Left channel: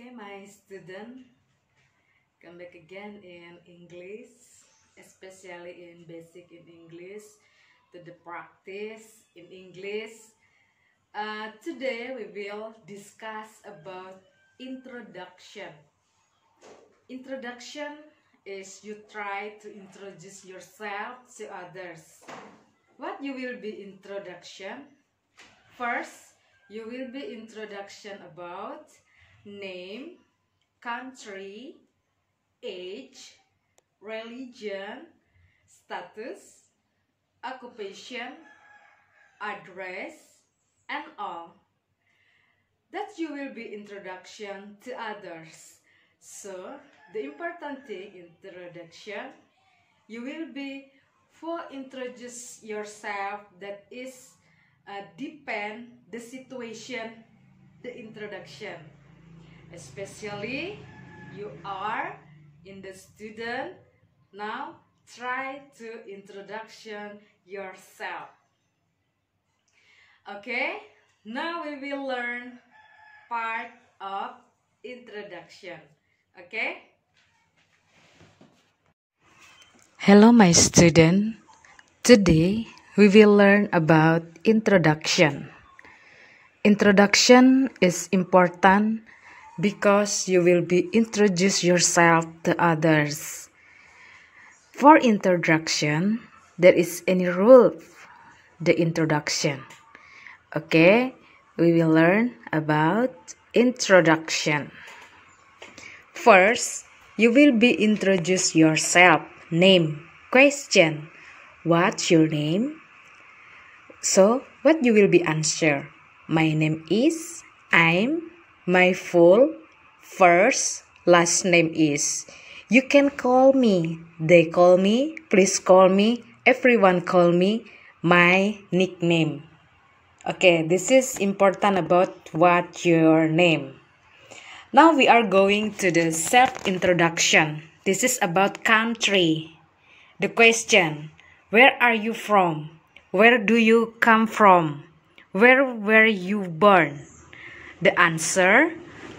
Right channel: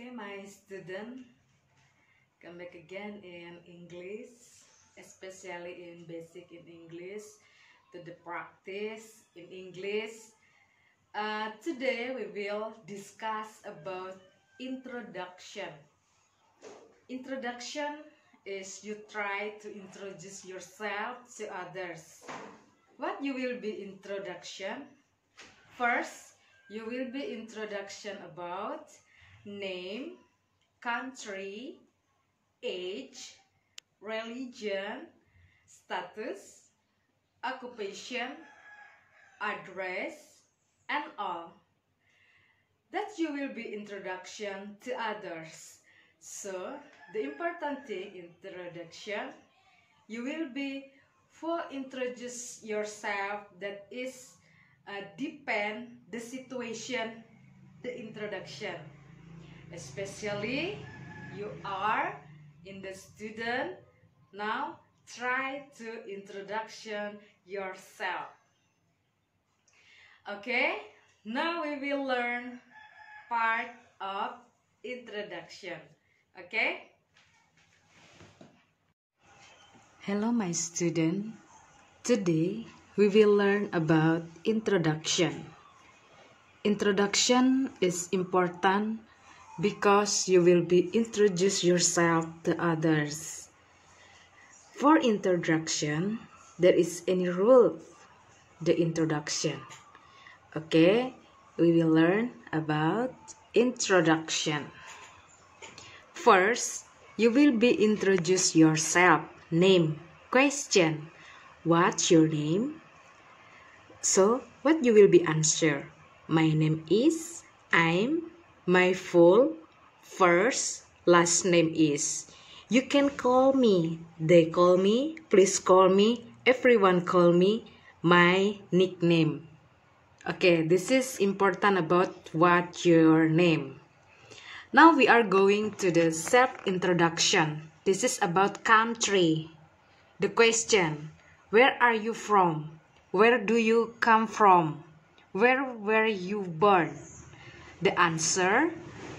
Okay, my student, come back again in English, especially in basic in English, to the practice in English. Today we will discuss about introduction. Introduction is you try to introduce yourself to others. What you will be introduction? First, you will be introduction about name, country, age, religion, status, occupation, address, and all. That you will be introduction to others. So, the important thing introduction, you will be for introduce yourself that is depend the situation, the introduction. Especially you are in the student, now try to introduction yourself. Okay, now we will learn part of introduction. Okay. Hello my student. Today we will learn about introduction. Introduction is important because you will be introduce yourself to others. For introduction, there is any rule the introduction. Okay, we will learn about introduction. First, you will be introduce yourself. Name, question, what's your name? So, what you will be answer? My name is, I'm, my full, first, last name is. You can call me, they call me, please call me, everyone call me, my nickname. Okay, this is important about what your name. Now we are going to the self-introduction. This is about country. The question, where are you from? Where do you come from? Where were you born? The answer,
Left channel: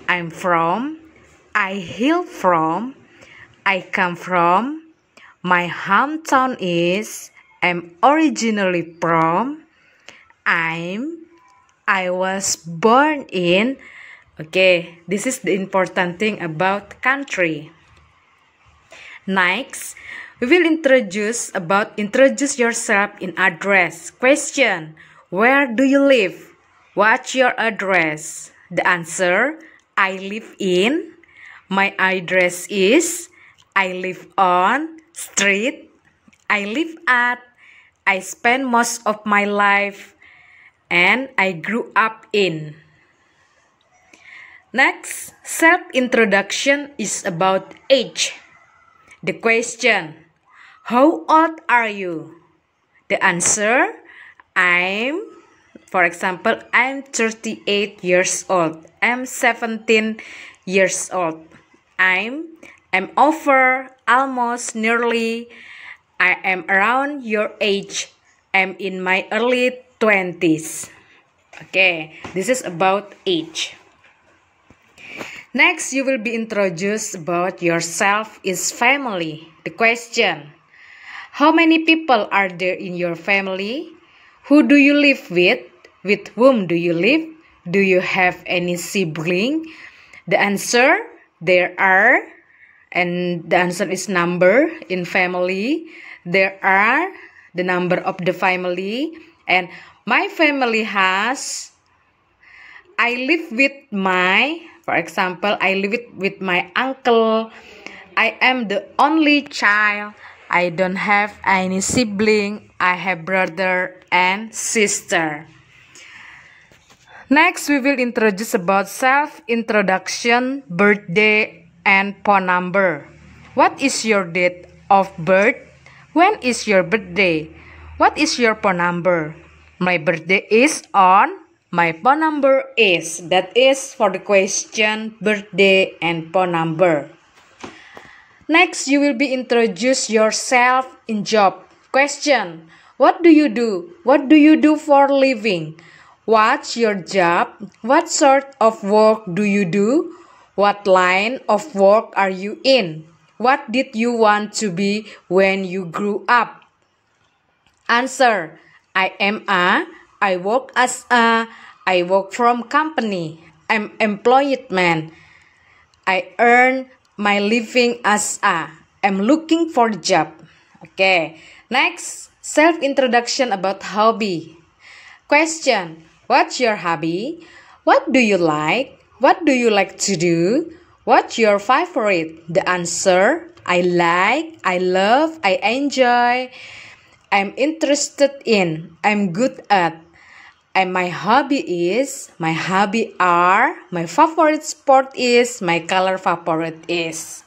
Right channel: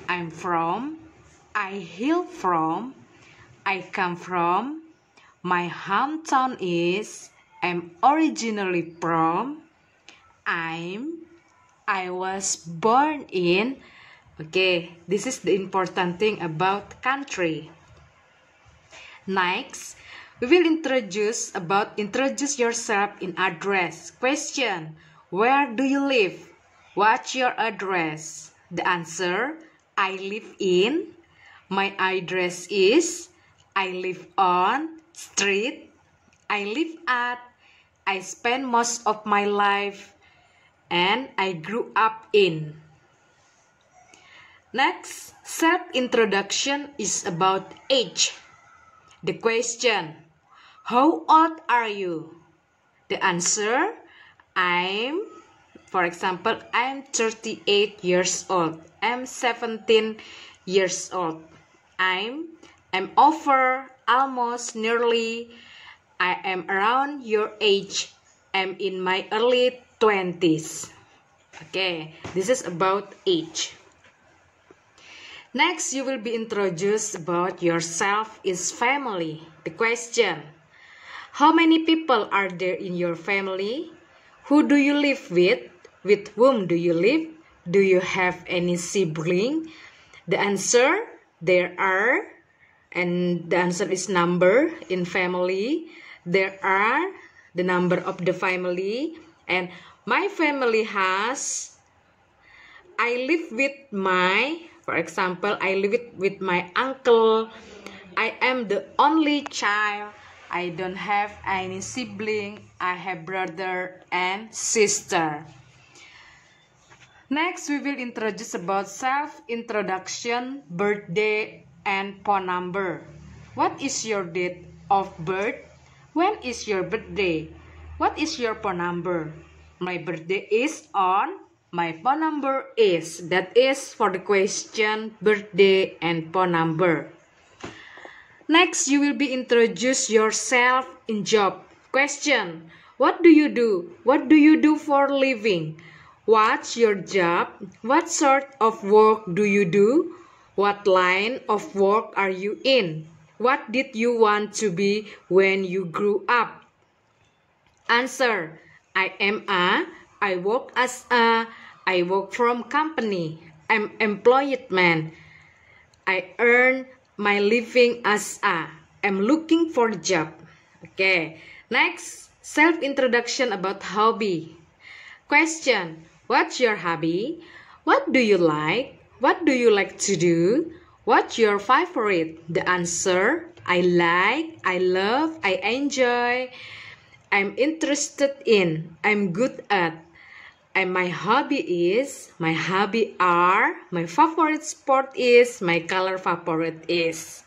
I'm from, I hail from, I come from, my hometown is, I'm originally from, I was born in. Okay, this is the important thing about country. Next, we will introduce yourself in address. Question, where do you live? What's your address? The answer, I live in. My address is, I live on, street, I live at, I spend most of my life, and I grew up in. Next, self-introduction is about age. The question, how old are you? The answer, for example, I'm 38 years old. I'm 17 years old. I'm over, almost, nearly. I am around your age. I'm in my early 20s. Okay, this is about age. Next, you will be introduced about yourself is family. The question, how many people are there in your family? Who do you live with? With whom do you live? Do you have any sibling? The answer, there are, and the answer is number in family. There are the number of the family, and my family has, I live with my, for example, I live with my uncle. I am the only child. I don't have any sibling. I have brother and sister. Next, we will introduce about self-introduction, birthday, and phone number. What is your date of birth? When is your birthday? What is your phone number? My birthday is on. My phone number is. That is for the question, birthday, and phone number. Next, you will be introduce yourself in job. Question, what do you do? What do you do for living? What's your job? What sort of work do you do? What line of work are you in? What did you want to be when you grew up? Answer. I work as a, I work from company. I'm employed man. I earn my living as a, I'm looking for a job. Okay, next, self-introduction about hobby. Question, what's your hobby? What do you like? What do you like to do? What's your favorite? The answer, I like, I love, I enjoy, I'm interested in, I'm good at. And my hobby are, my favorite sport is, my color favorite is.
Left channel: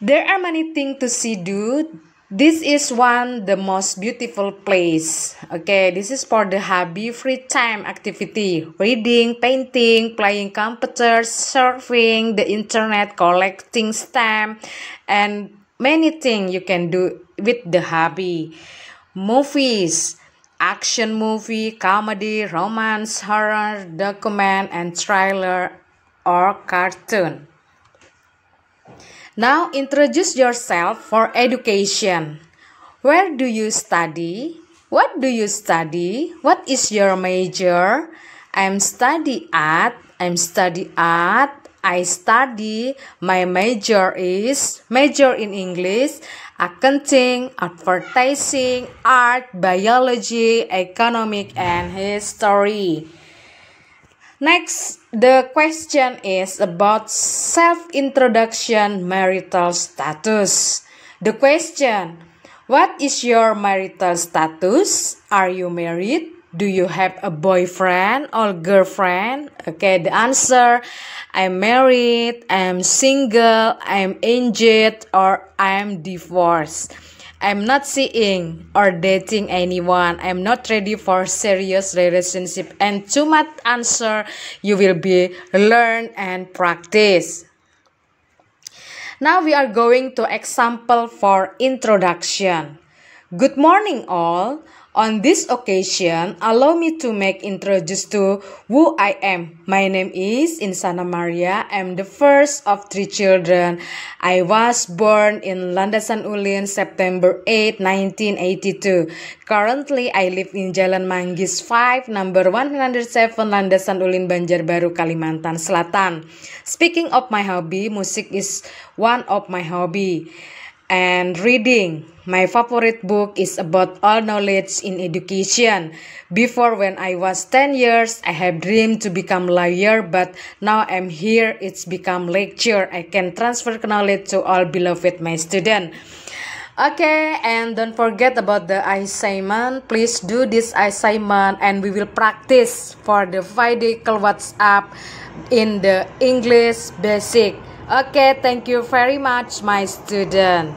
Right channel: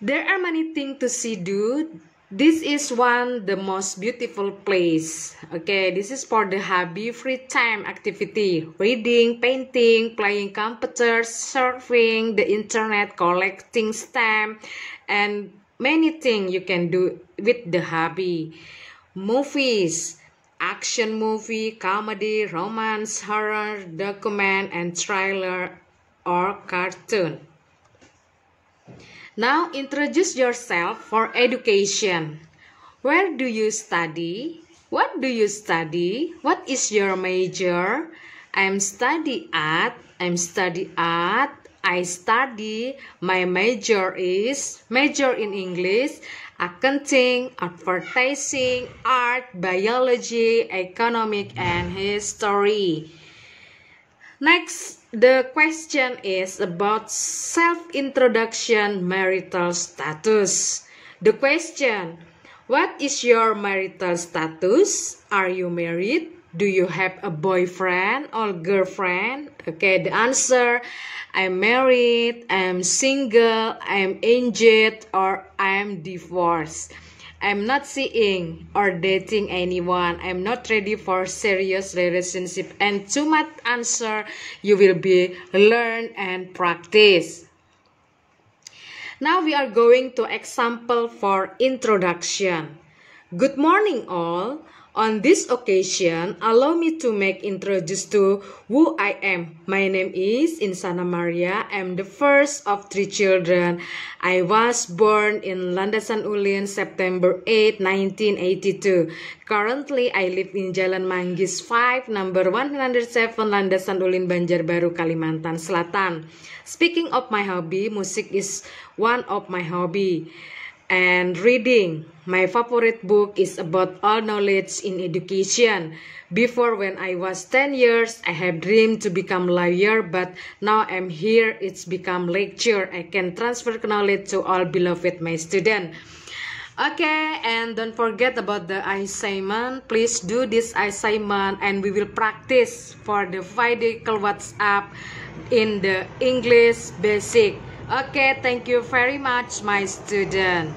There are many things to see do. This is one the most beautiful place. Okay, this is for the hobby, free time activity. Reading, painting, playing computers, surfing, the internet, collecting stamps, and many things you can do with the hobby. Movies, action movie, comedy, romance, horror, document, and thriller or cartoon. Now introduce yourself for education. Where do you study? What do you study? What is your major? I study art. I study. My major in English, accounting, advertising, art, biology, economic, and history. Next, the question is about self-introduction, marital status. The question, what is your marital status? Are you married? Do you have a boyfriend or girlfriend? Okay, the answer, I'm married, I'm single, I'm engaged, or I'm divorced. I'm not seeing or dating anyone. I'm not ready for serious relationship. And too much answer you will be learn and practice. Now we are going to example for introduction. Good morning all. On this occasion, allow me to make introduce to who I am. My name is Insana Maria. I'm the first of 3 children. I was born in Landasan Ulin, September 8, 1982. Currently, I live in Jalan Manggis 5, number 107, Landasan Ulin, Banjarbaru, Kalimantan Selatan. Speaking of my hobby, music is one of my hobby. And reading. My favorite book is about all knowledge in education. Before, when I was 10 years, I have dreamed to become lawyer, but now I'm here, it's become lecture. I can transfer knowledge to all beloved my student. Okay, and don't forget about the assignment. Please do this assignment and we will practice for the Vidical WhatsApp in the English basic. Okay, thank you very much, my student.